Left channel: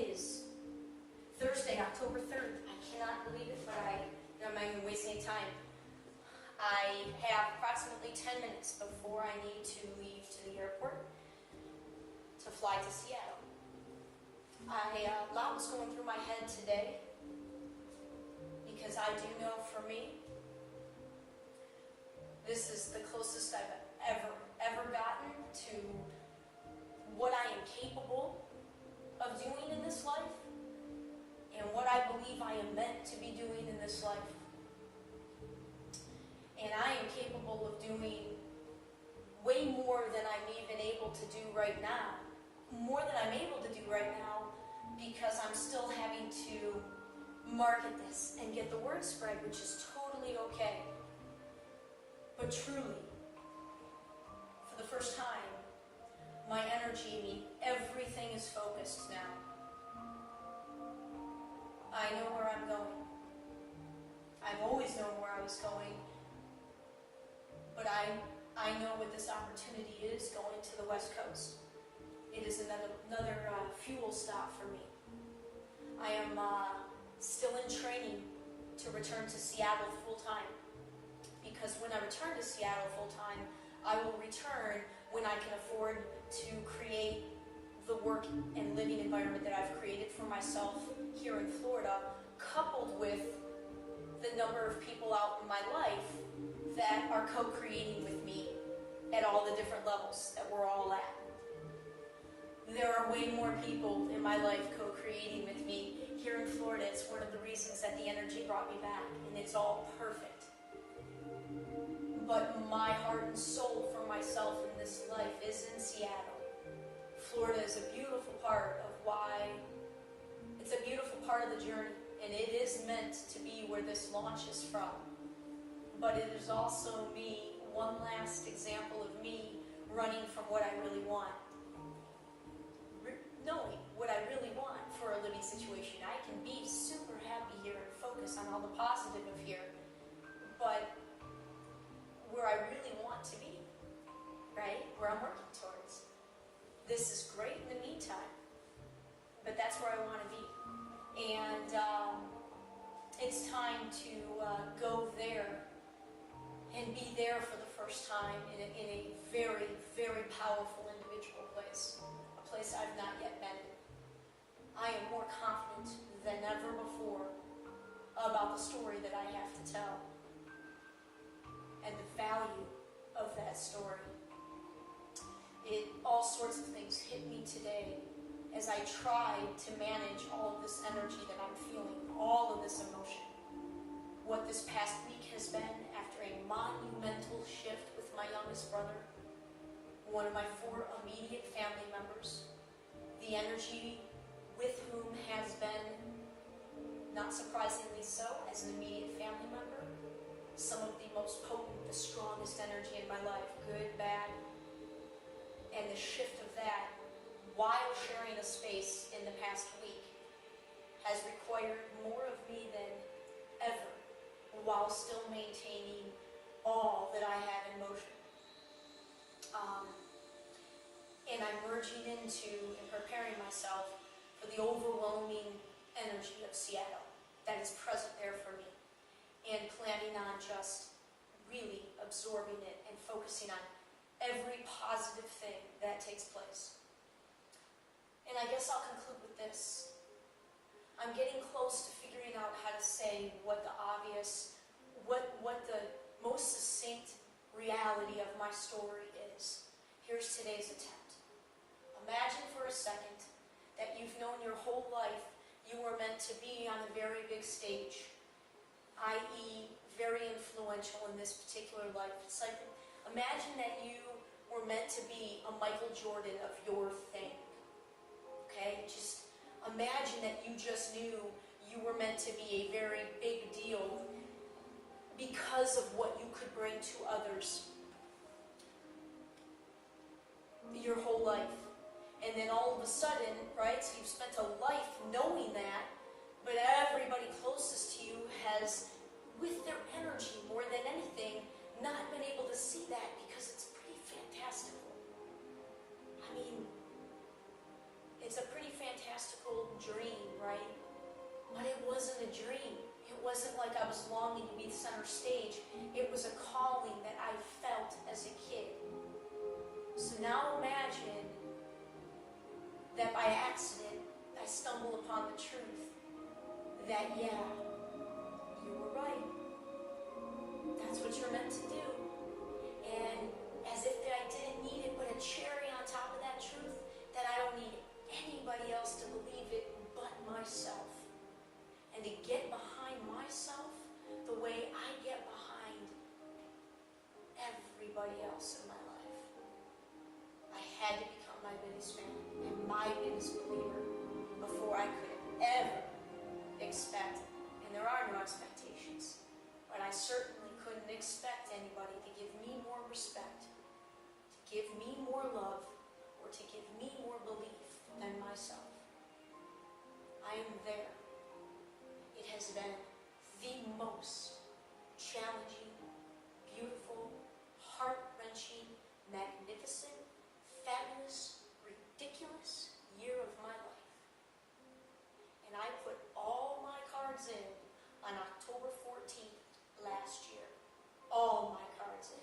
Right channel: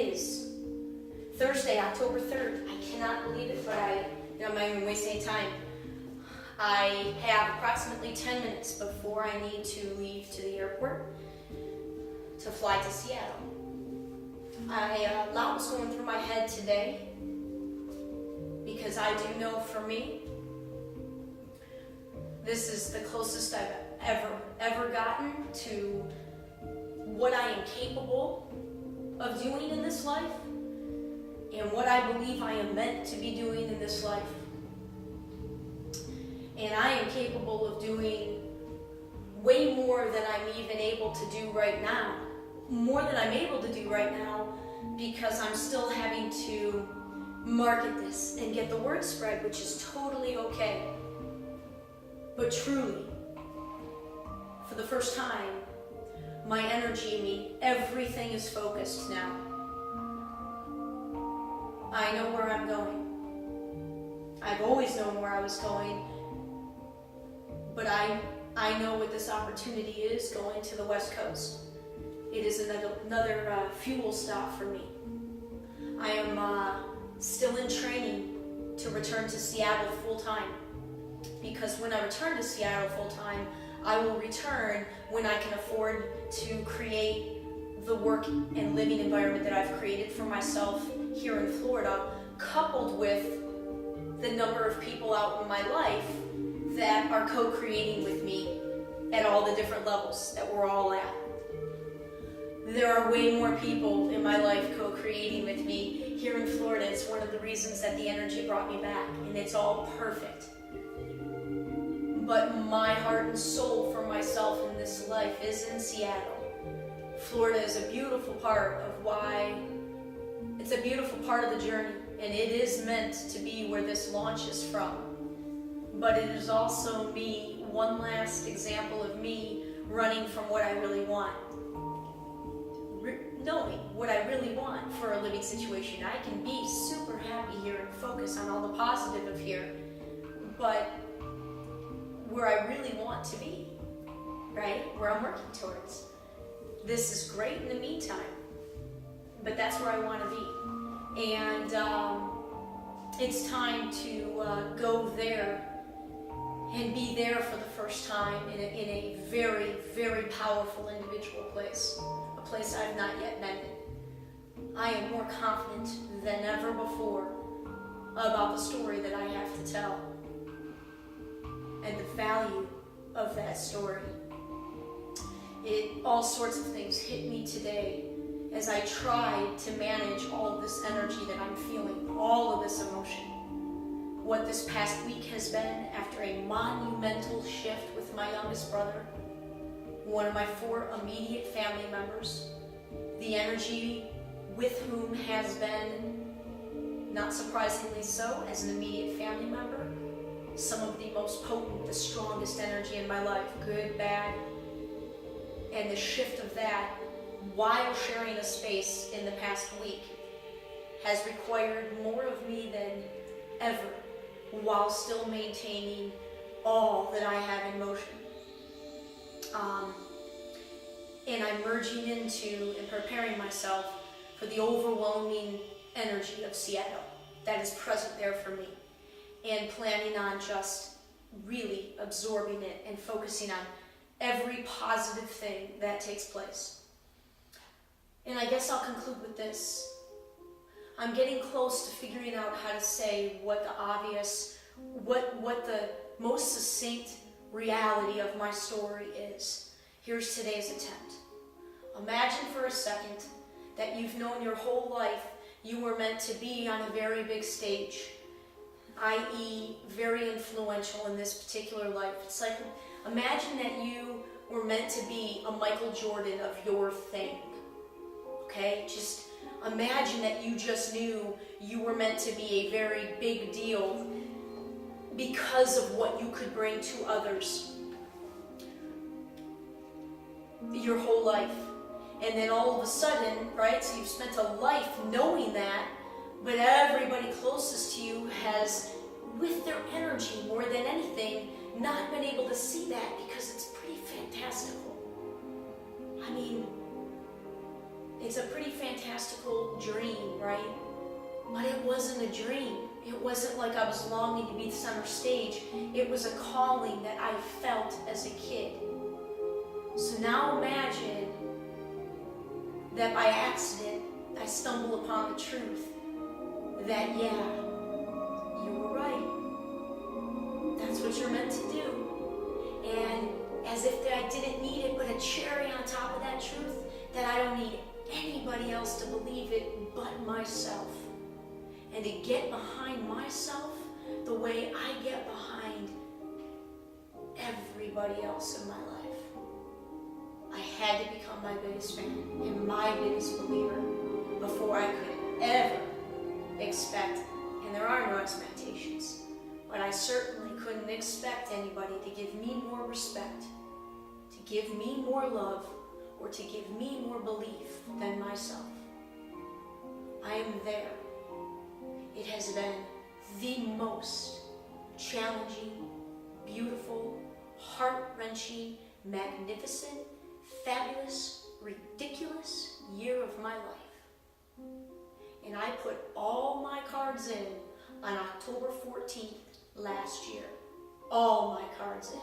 is Thursday, October 3rd. I cannot believe it, but I'm not even wasting any time. I have approximately 10 minutes before I need to leave to the airport to fly to Seattle. A lot was going through my head today because I do know for me, this is the closest I've ever gotten to what I am capable of doing in this life and what I believe I am meant to be doing in this life. And I am capable of doing way more than I'm even able to do right now. More than I'm able to do right now because I'm still having to market this and get the word spread, which is totally okay. But truly, for the first time, my energy, everything is focused now. I know where I'm going. I've always known where I was going, but I know what this opportunity is, going to the West Coast. It is another fuel stop for me. I am still in training to return to Seattle full-time, because when I return to Seattle full-time, I will return when I can afford to create the work and living environment that I've created for myself here in Florida, coupled with the number of people out in my life that are co-creating with me at all the different levels that we're all at. There are way more people in my life co-creating with me here in Florida. It's one of the reasons that the energy brought me back, and it's all perfect. But my heart and soul for myself in this life is in Seattle. Florida is a beautiful part of why, it's a beautiful part of the journey, and it is meant to be where this launch is from. But it is also me, one last example of me running from what I really want. Knowing what I really want for a living situation. I can be super happy here and focus on all the positive of here, but where I really want to be, right? Where I'm working towards. This is great in the meantime, but that's where I want to be. And it's time to go there and be there for the first time in a very, very powerful individual place. A place I've not yet been in. I am more confident than ever before about the story that I have to tell and the value of that story. All sorts of things hit me today as I tried to manage all of this energy that I'm feeling, all of this emotion. What this past week has been after a monumental shift with my youngest brother, one of my 4 immediate family members, the energy with whom has been, not surprisingly so, as an immediate family member, some of the most potent, the strongest energy in my life, good, bad, and the shift of that while sharing a space in the past week has required more of me than ever, while still maintaining all that I have in motion. And I'm merging into and preparing myself for the overwhelming energy of Seattle that is present there for me, and planning on just really absorbing it and focusing on every positive thing that takes place. And I guess I'll conclude with this. I'm getting close to figuring out how to say what the obvious, what the most succinct reality of my story is. Here's today's attempt. Imagine for a second that you've known your whole life you were meant to be on a very big stage, i.e. very influential in this particular life. It's like, imagine that you were meant to be a Michael Jordan of your thing, okay? Just imagine that you just knew you were meant to be a very big deal because of what you could bring to others your whole life. And then all of a sudden, right, so you've spent a life knowing that, but everybody closest to you has, with their energy more than anything, not been able to see that because it's pretty fantastical. I mean, It's a pretty fantastical dream, right? But it wasn't a dream. It wasn't like I was longing to be the center stage. It was a calling that I felt as a kid. So now imagine that by accident, I stumble upon the truth that, yeah, you were right. That's what you're meant to do. And as if I didn't need it, but a cherry on top of that truth, that I don't need anybody else to believe it but myself. And to get behind myself the way I get behind everybody else in my life. I had to become my biggest fan and my biggest believer before I could ever expect, and there are no expectations, but I certainly couldn't expect anybody to give me more respect, to give me more love, or to give me more belief than myself. I am there. It has been the most challenging, beautiful, heart-wrenching, magnificent, fabulous, ridiculous year of my life. And I put all my cards in on October 14th last year. All my cards in.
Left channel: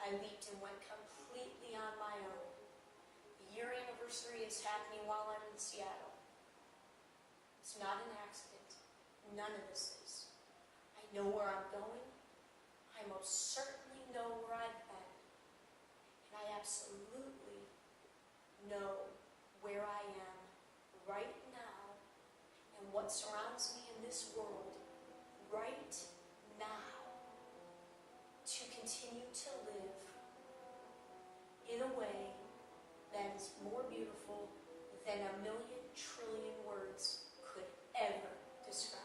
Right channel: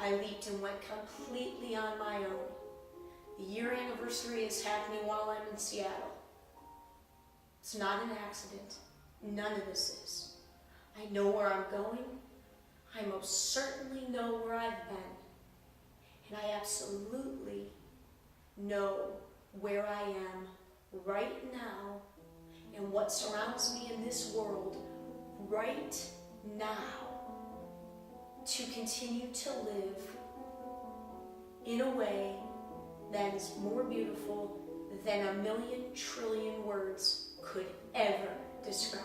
I leaped and went completely on my own. The year anniversary is happening while I'm in Seattle. It's not an accident. None of this is. I know where I'm going. I most certainly know where I've been. And I absolutely know where I am right now and what surrounds me in this world right now to continue to live in a way that is more beautiful than a million trillion words could ever describe.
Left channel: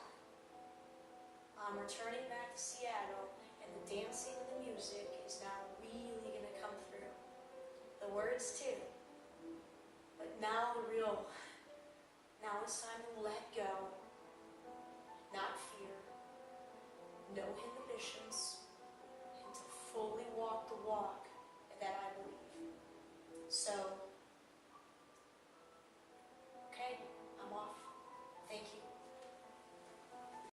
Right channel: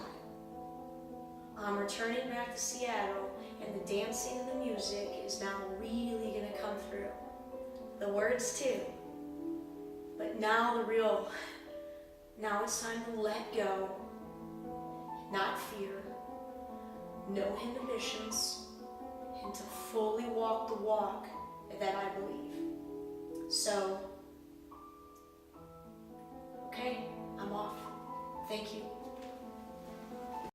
I'm returning back to Seattle, and the dancing and the music is now really going to come through. The words too. But now now it's time to let go, not fear, no inhibitions, and to fully walk the walk that I believe. So, okay, I'm off. Thank you.